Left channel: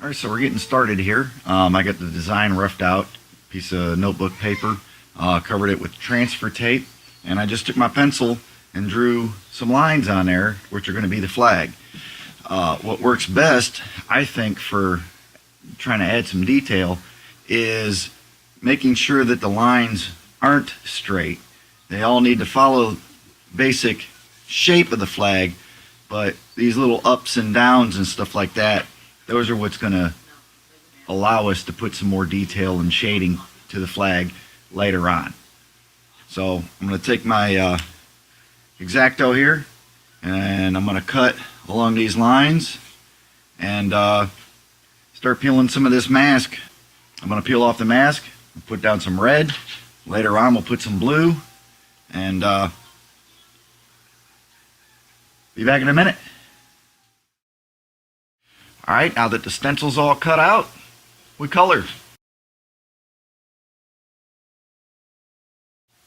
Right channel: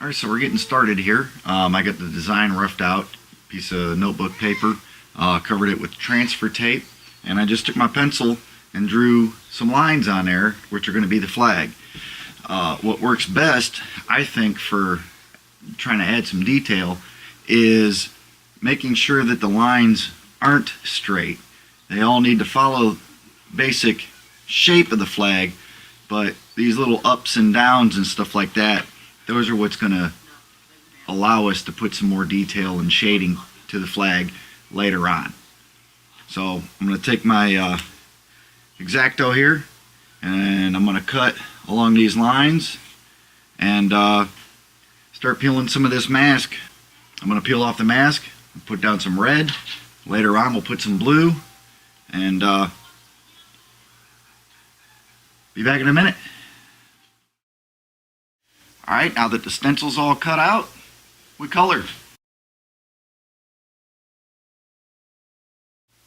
Alright, so we're getting started here. I got the design roughed out, piece of notebook paper, covered it with transfer tape, and I just took my pencil and drew some lines on there, which are going to be the flag. What works best, I think, for trying to add some detail is making sure that the lines aren't straight. They all need to follow basic shape of the flag, but these little ups and downs and stuff like that, those are what's going to allow us to put some more detail and shading to the flag later on. So I'm going to take my X-Acto here, and I'm going to cut along these lines and start peeling some of this mask. I'm going to peel off the mask, put down some red. Later on we'll put some blue, and be back in a minute. Alright, now that the stencil's all cut out, we color.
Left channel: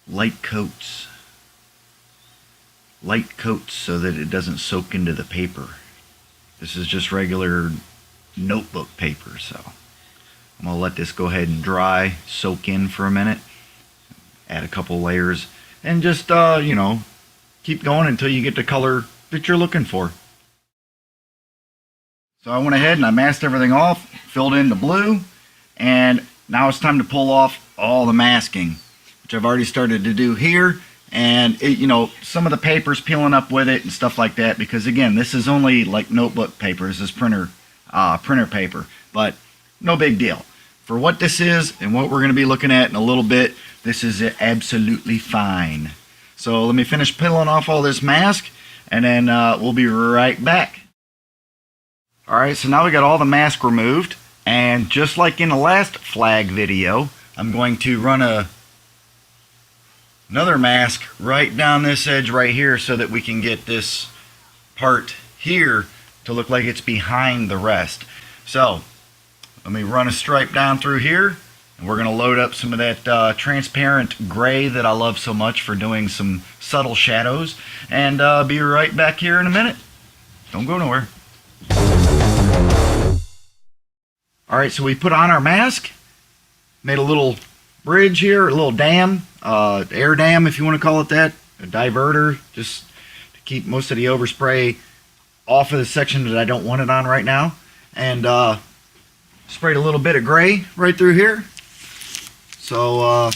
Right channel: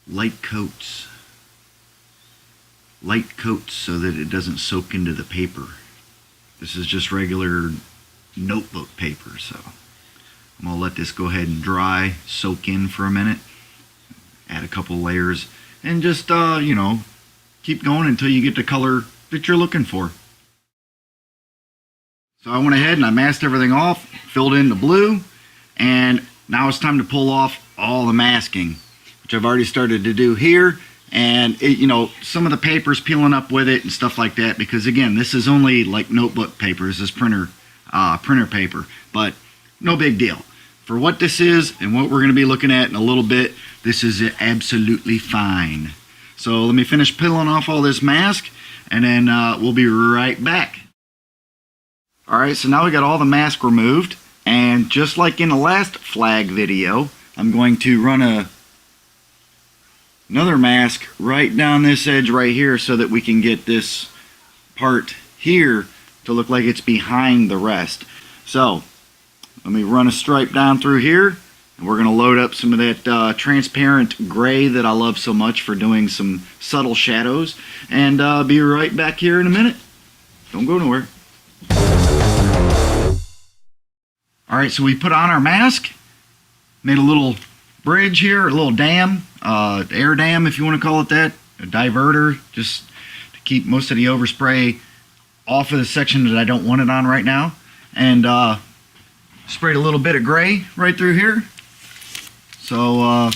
Light coats. Light coats so that it doesn't soak into the paper. This is just regular notebook paper, so I'm going to let this go ahead and dry, soak in for a minute, add a couple layers, and just, you know, keep going until you get the color that you're looking for. So I went ahead and I masked everything off, filled in the blue, and now it's time to pull off all the masking, which I've already started to do here. And it, you know, some of the paper's peeling up with it and stuff like that, because again, this is only like notebook paper. This is printer paper, but no big deal. For what this is and what we're going to be looking at in a little bit, this is absolutely fine. So let me finish peeling off all this mask, and then we'll be right back. Alright, so now we got all the mask removed, and just like in the last flag video, I'm going to run another mask right down this edge right here so that we can get this part here to look like it's behind the rest. So let me run a stripe down through here, and we're going to load up some of that transparent gray that I love so much for doing some subtle shadows, and be right back here in a minute. Don't go nowhere. Alright, so we put on our mask, made a little bridge here, a little dam, air dam if you want to call it that, a diverter, just to keep most of the overspray off of the section that I don't want it on right now. And sprayed a little bit of gray right through here. So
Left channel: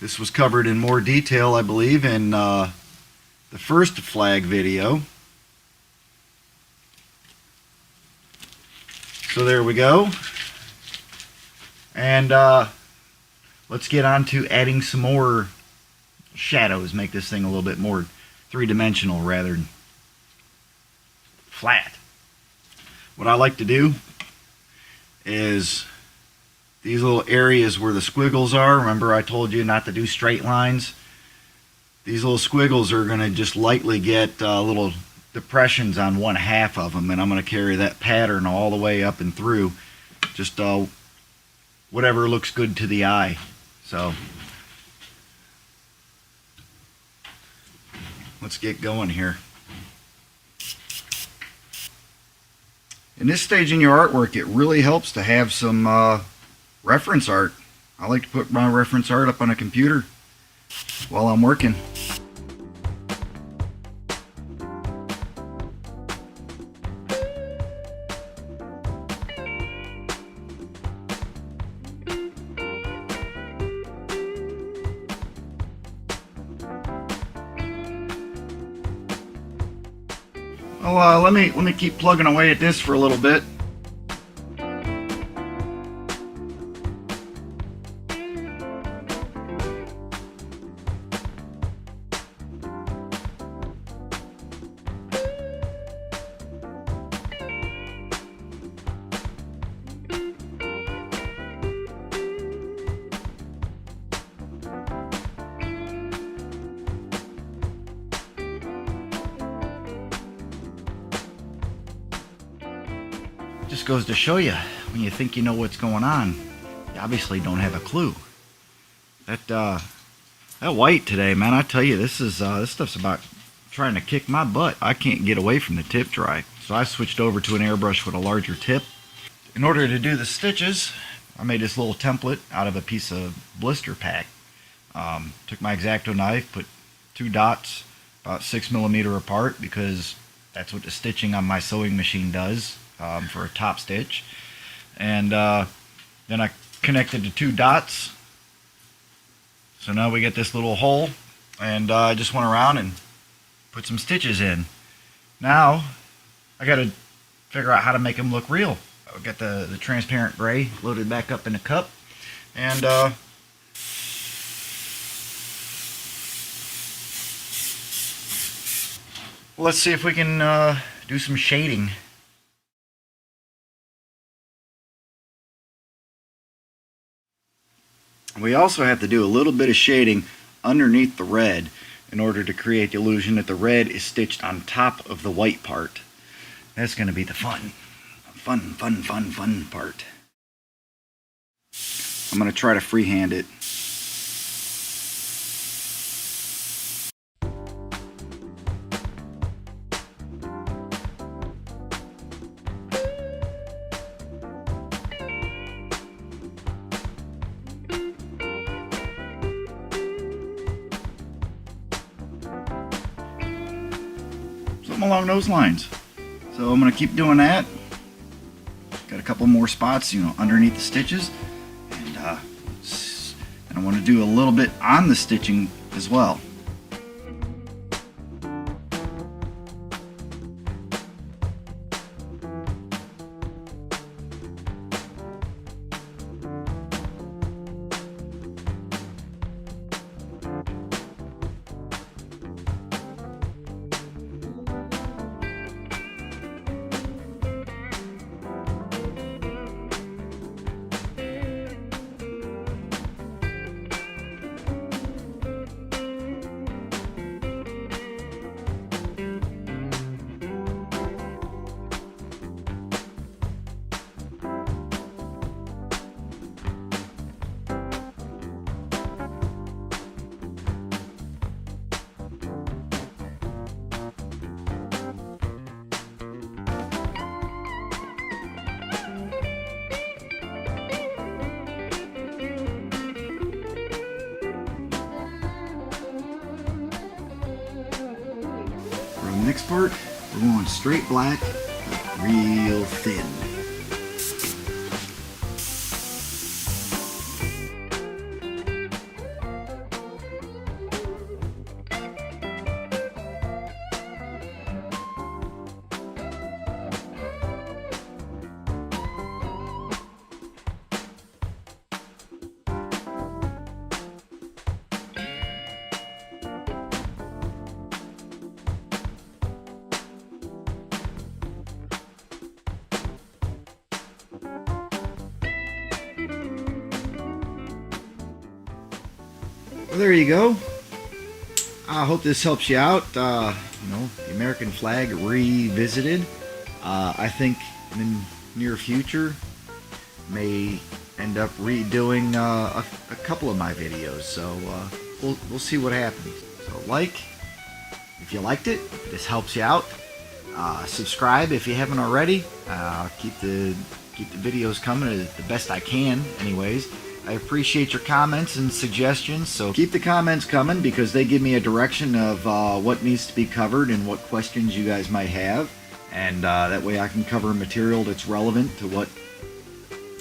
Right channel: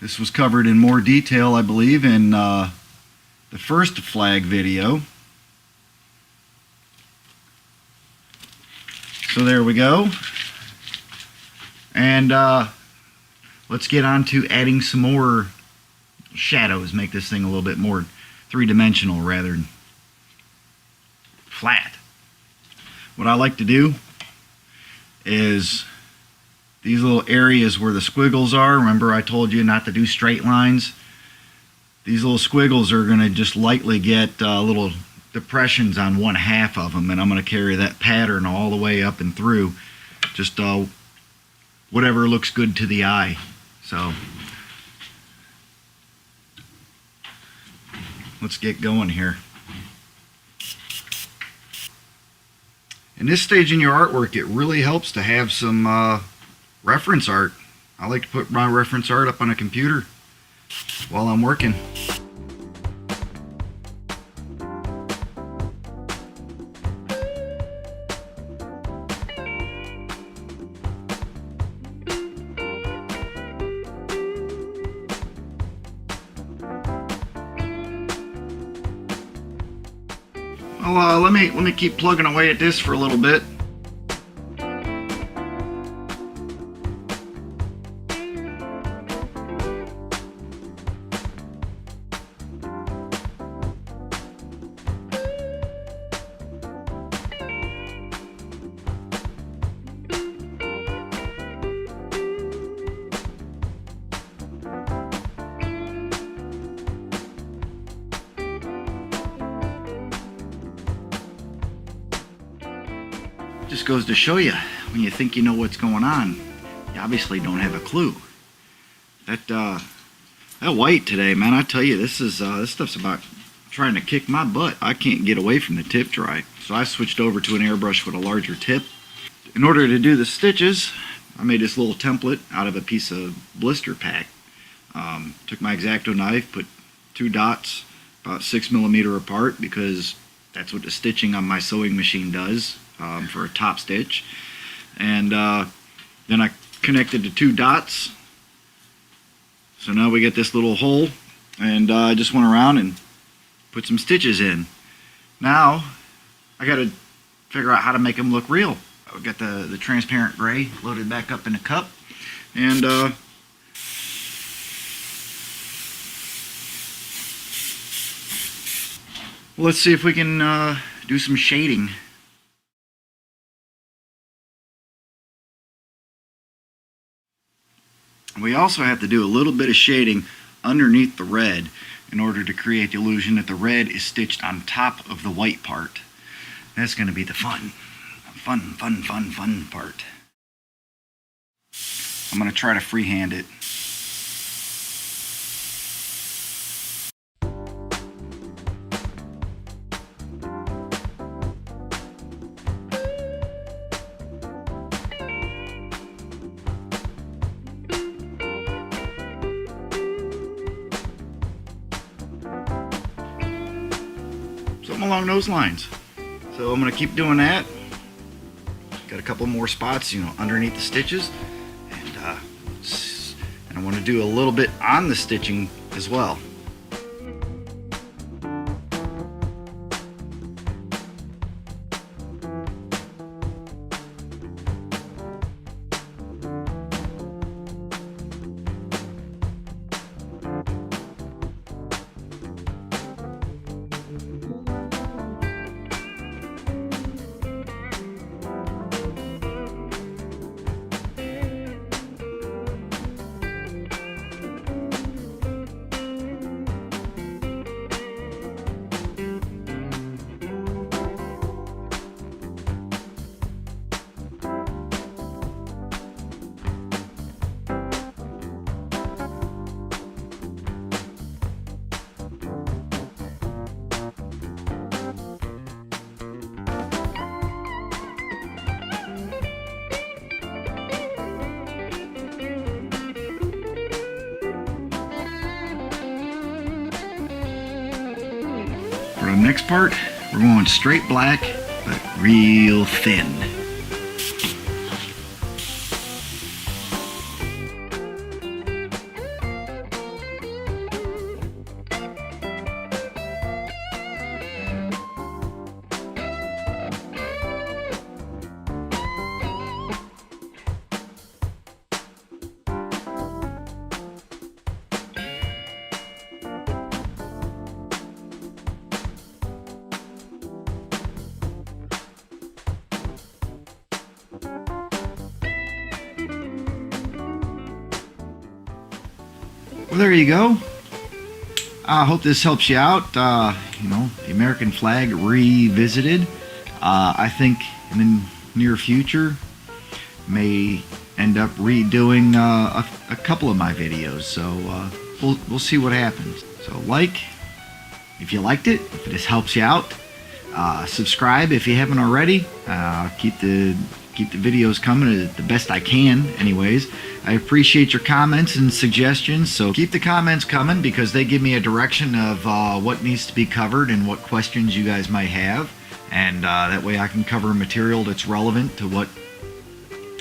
this was covered in more detail, I believe, in the first flag video. So there we go. And let's get on to adding some more shadows, make this thing a little bit more three-dimensional rather than flat. What I like to do is these little areas where the squiggles are, remember I told you not to do straight lines? These little squiggles are going to just lightly get little depressions on one half of them, and I'm going to carry that pattern all the way up and through, just whatever looks good to the eye. So let's get going here. In this stage in your artwork, it really helps to have some reference art. I like to put my reference art up on a computer while I'm working. Well, let me keep plugging away at this for a little bit. Just goes to show you, when you think you know what's going on, you obviously don't have a clue. That white today, man, I tell you, this stuff's about trying to kick my butt. I can't get away from the tip dry. So I switched over to an airbrush with a larger tip. In order to do the stitches, I made this little template out of a piece of blister pack. Took my X-Acto knife, put 2 dots about 6mm apart because that's what the stitching on my sewing machine does for a top stitch. And then I connected the 2 dots. So now we get this little hole, and I just went around and put some stitches in. Now I got to figure out how to make them look real. I've got the transparent gray loaded back up in a cup, and let's see if we can do some shading. We also have to do a little bit of shading underneath the red in order to create the illusion that the red is stitched on top of the white part. That's going to be the fun part. I'm going to try to freehand it. Something along those lines. So I'm going to keep doing that. Got a couple more spots, underneath the stitches, and I want to do a little bit on the stitching as well. Next part, we're going straight black, but real thin. Well, there you go. I hope this helps you out. The American flag revisited. I think in the near future may end up redoing a couple of my videos. So we'll see what happens. So if you liked it, if this helps you out. Subscribe if you haven't already. Keep the videos coming the best I can, anyways. I appreciate your comments and suggestions, so keep the comments coming because they give me a direction of what needs to be covered and what questions you guys might have, and that way I can cover material that's relevant to what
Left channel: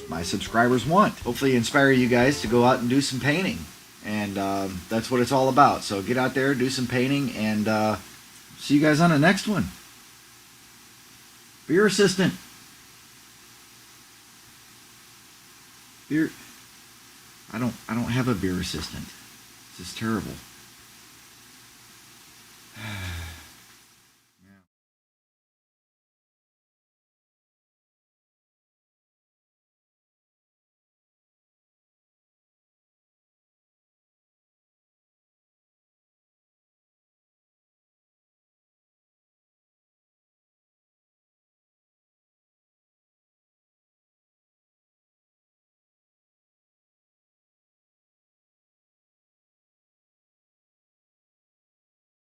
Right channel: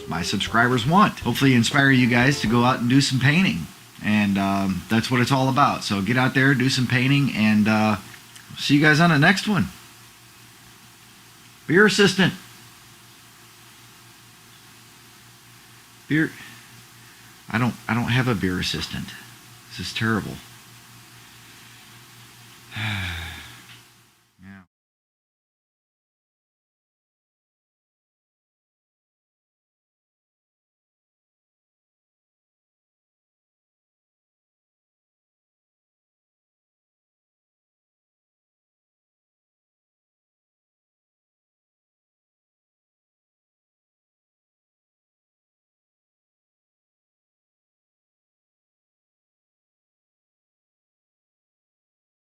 my subscribers want. Hopefully inspire you guys to go out and do some painting, and that's what it's all about. So get out there, do some painting, and see you guys on the next one. Beer assistant. I don't have a beer assistant. This is terrible.